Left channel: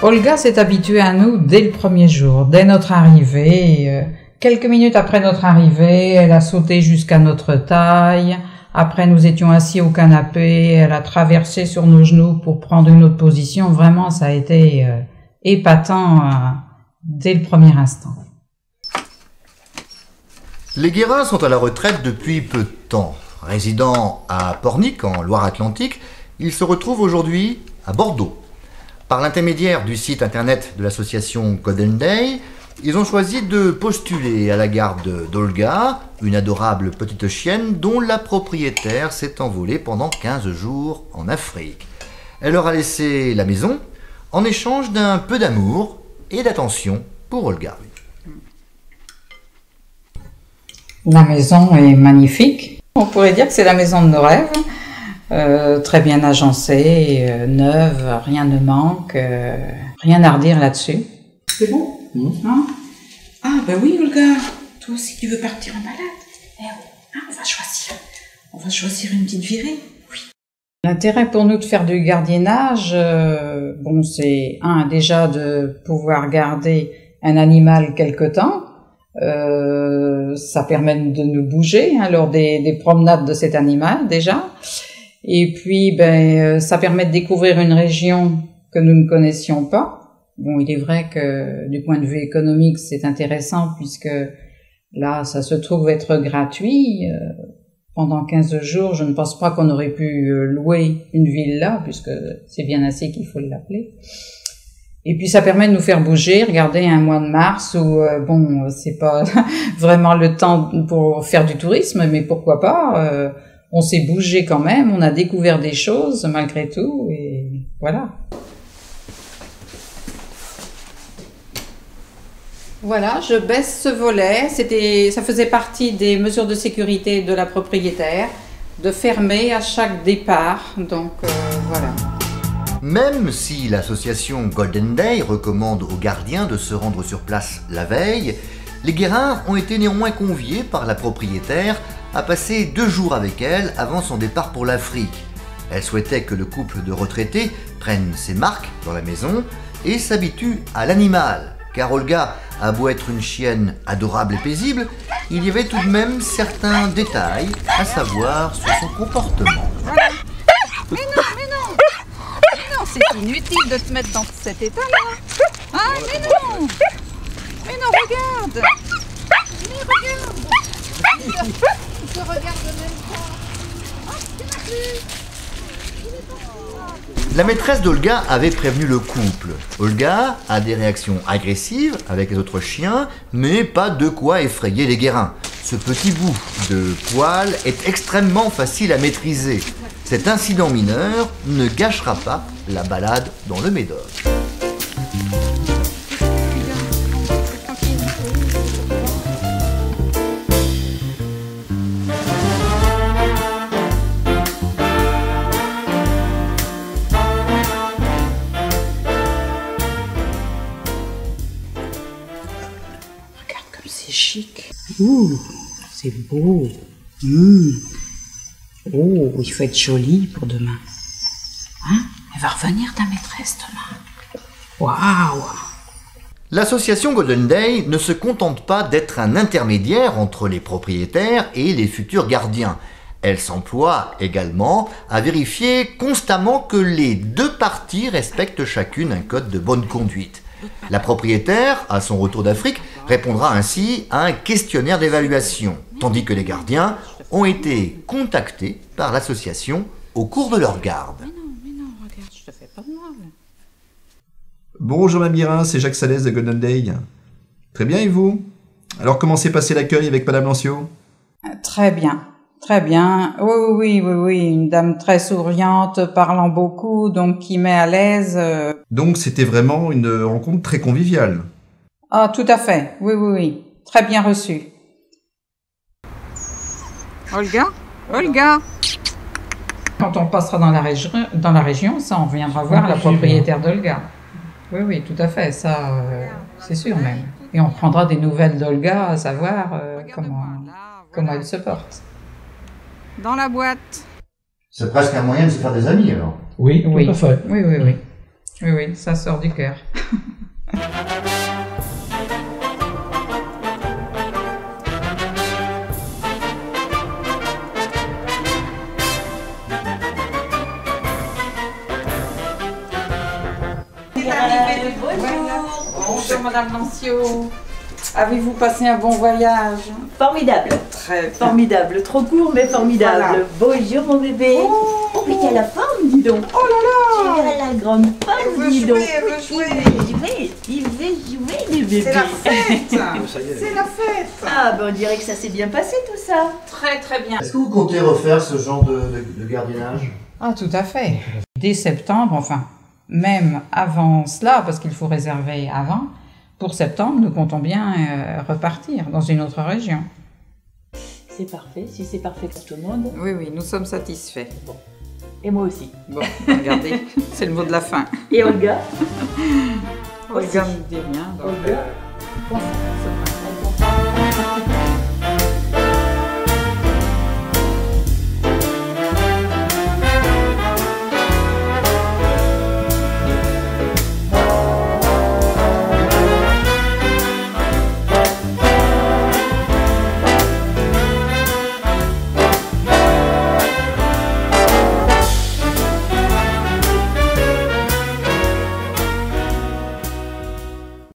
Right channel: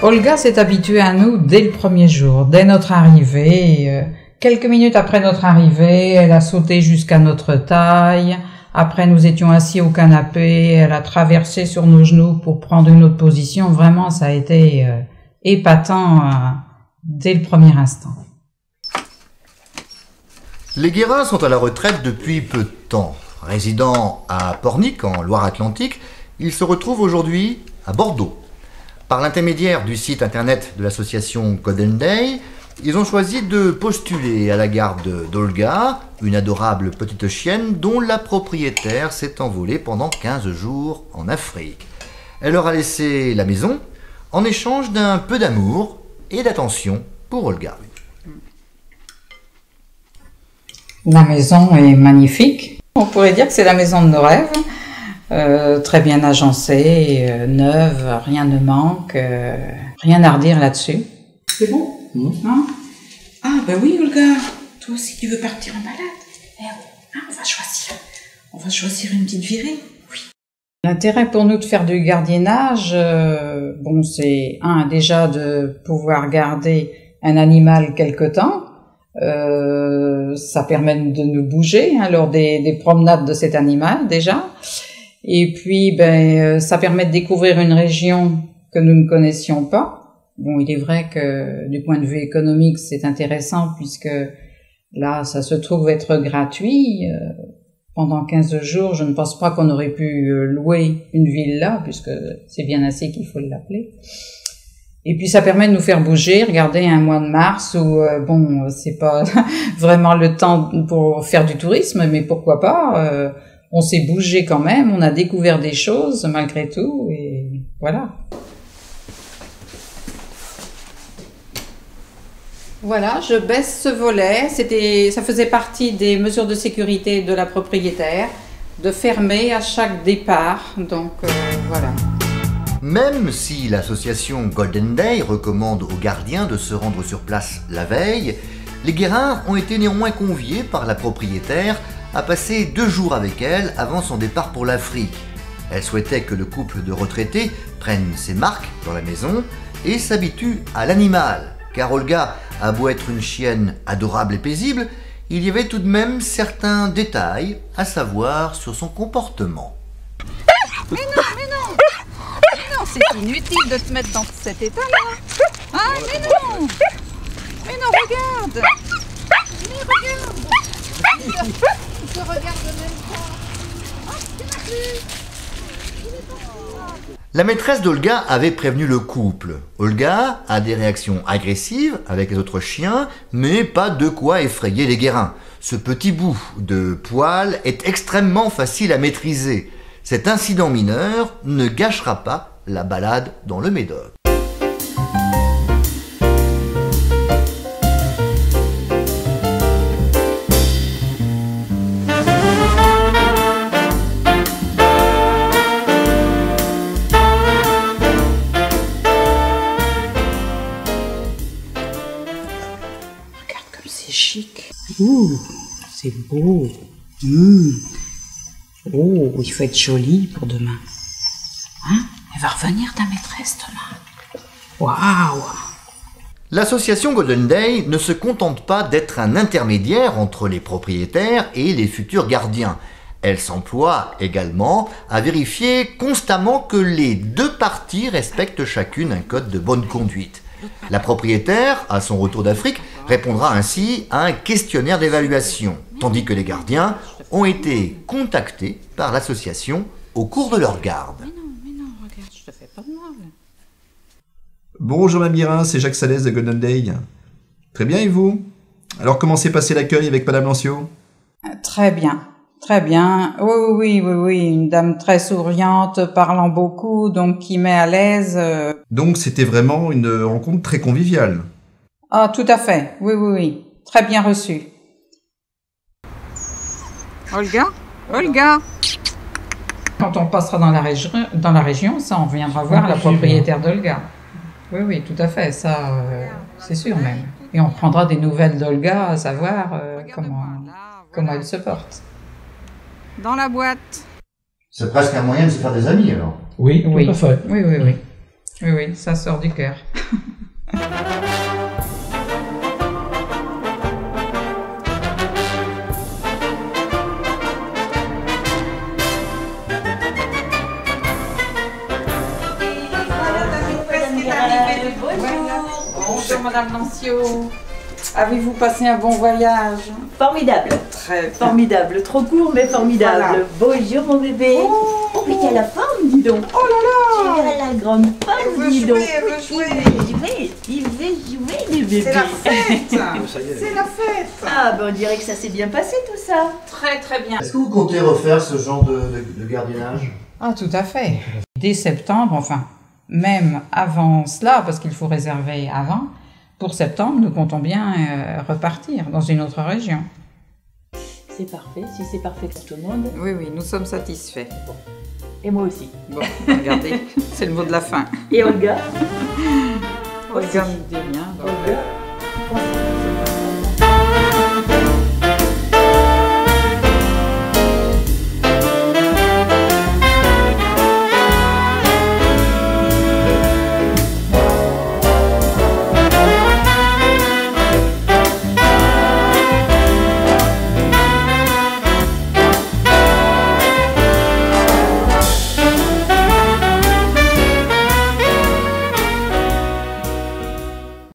Olga s'est habituée à nous dès le premier jour, dès notre arrivée. Quelques minutes après notre arrivée, elle a sauté jusqu'à notre taille. Après, nous étions assis au canapé. Elle a traversé sur nos genoux pour prendre une autre position. Vraiment, ça a été épatant dès le premier instant. Les Guérins sont à la retraite depuis peu de temps. Résidant à Pornic, en Loire-Atlantique, ils se retrouvent aujourd'hui à Bordeaux. Par l'intermédiaire du site internet de l'association Golden Day, ils ont choisi de postuler à la garde d'Olga, une adorable petite chienne dont la propriétaire s'est envolée pendant 15 jours en Afrique. Elle leur a laissé la maison en échange d'un peu d'amour et d'attention pour Olga. La maison est magnifique. On pourrait dire que c'est la maison de nos rêves. Très bien agencée, neuve, rien ne manque, rien à redire là-dessus. C'est bon. Hein? Ah ben oui Olga, toi aussi tu veux partir en balade. Eh oui, on va choisir une petite virée. Oui. L'intérêt pour nous de faire du gardiennage, c'est déjà de pouvoir garder un animal quelque temps. Ça permet de nous bouger lors des promenades de cet animal déjà. Et puis, ça permet de découvrir une région que nous ne connaissions pas. Bon, il est vrai que du point de vue économique, c'est intéressant puisque là, ça se trouve être gratuit. Pendant 15 jours, je ne pense pas qu'on aurait pu louer une villa puisque c'est bien assez qu'il faut l'appeler. Et puis, ça permet de nous faire bouger. Regardez, un mois de mars où, c'est pas vraiment le temps pour faire du tourisme, mais pourquoi pas on s'est bougé quand même, on a découvert des choses malgré tout, et voilà. Voilà, je baisse ce volet. Ça faisait partie des mesures de sécurité de la propriétaire, de fermer à chaque départ, donc voilà. Même si l'association Golden Day recommande aux gardiens de se rendre sur place la veille, les Guérins ont été néanmoins conviés par la propriétaire à passer 2 jours avec elle avant son départ pour l'Afrique. Elle souhaitait que le couple de retraités prenne ses marques dans la maison et s'habitue à l'animal, car Olga a beau être une chienne adorable et paisible, il y avait tout de même certains détails à savoir sur son comportement. Mais non, c'est inutile de te mettre dans cet état-là. Ah, mais non, regarde. Il te regarde même pas. Oh, La maîtresse d'Olga avait prévenu le couple. Olga a des réactions agressives avec les autres chiens, mais pas de quoi effrayer les Guérins. Ce petit bout de poil est extrêmement facile à maîtriser. Cet incident mineur ne gâchera pas la balade dans le Médoc. C'est chic. Ouh, c'est beau. Oh, il faut être joli pour demain. Hein? Elle va revenir ta maîtresse demain. Waouh! L'association Golden Day ne se contente pas d'être un intermédiaire entre les propriétaires et les futurs gardiens. Elle s'emploie également à vérifier constamment que les 2 parties respectent chacune un code de bonne conduite. La propriétaire, à son retour d'Afrique, répondra ainsi à un questionnaire d'évaluation, tandis que les gardiens ont été contactés par l'association au cours de leur garde. Mais non, regarde, je te fais pas de mal. Bonjour ma Guérin, c'est Jacques Salès de Golden Day. Très bien et vous? Alors comment s'est passé l'accueil avec Madame Lancio? Très bien. Oui, une dame très souriante, parlant beaucoup, donc qui met à l'aise. Donc c'était vraiment une rencontre très conviviale. Ah, tout à fait, oui, très bien reçue. Olga, Quand on passera dans la région, ça, on viendra voir la propriétaire d'Olga. Oui, oui, tout à fait, ça, c'est sûr même. Et on prendra des nouvelles d'Olga, à savoir comment elle se porte. Dans la boîte. C'est presque un moyen de se faire des amis, alors. Oui, tout à fait. Oui, oui, oui. Oui, oui, ça sort du cœur. Bonjour Madame Nancio. Avez-vous passé un bon voyage? Formidable. Très Formidable. Trop court, mais formidable. Voilà. Bonjour mon bébé. Oh, mais t'as la forme, dis donc. Oh là là! Tu as la grande forme, dis donc. Elle veut jouer. Il veut jouer, les bébés. C'est la fête! C'est la fête! Ah, ben on dirait que ça s'est bien passé tout ça. Très très bien. Est-ce que vous comptez refaire ce genre de gardiennage? Ah, tout à fait. Dès septembre, enfin, même avant cela, parce qu'il faut réserver avant, pour septembre, nous comptons bien repartir dans une autre région. C'est parfait, si c'est parfait pour tout le monde. Oui, oui, nous sommes satisfaits. Et moi aussi. Bon, regardez, c'est le mot de la fin. Et Olga? Olga me dit rien. Donc... Olga,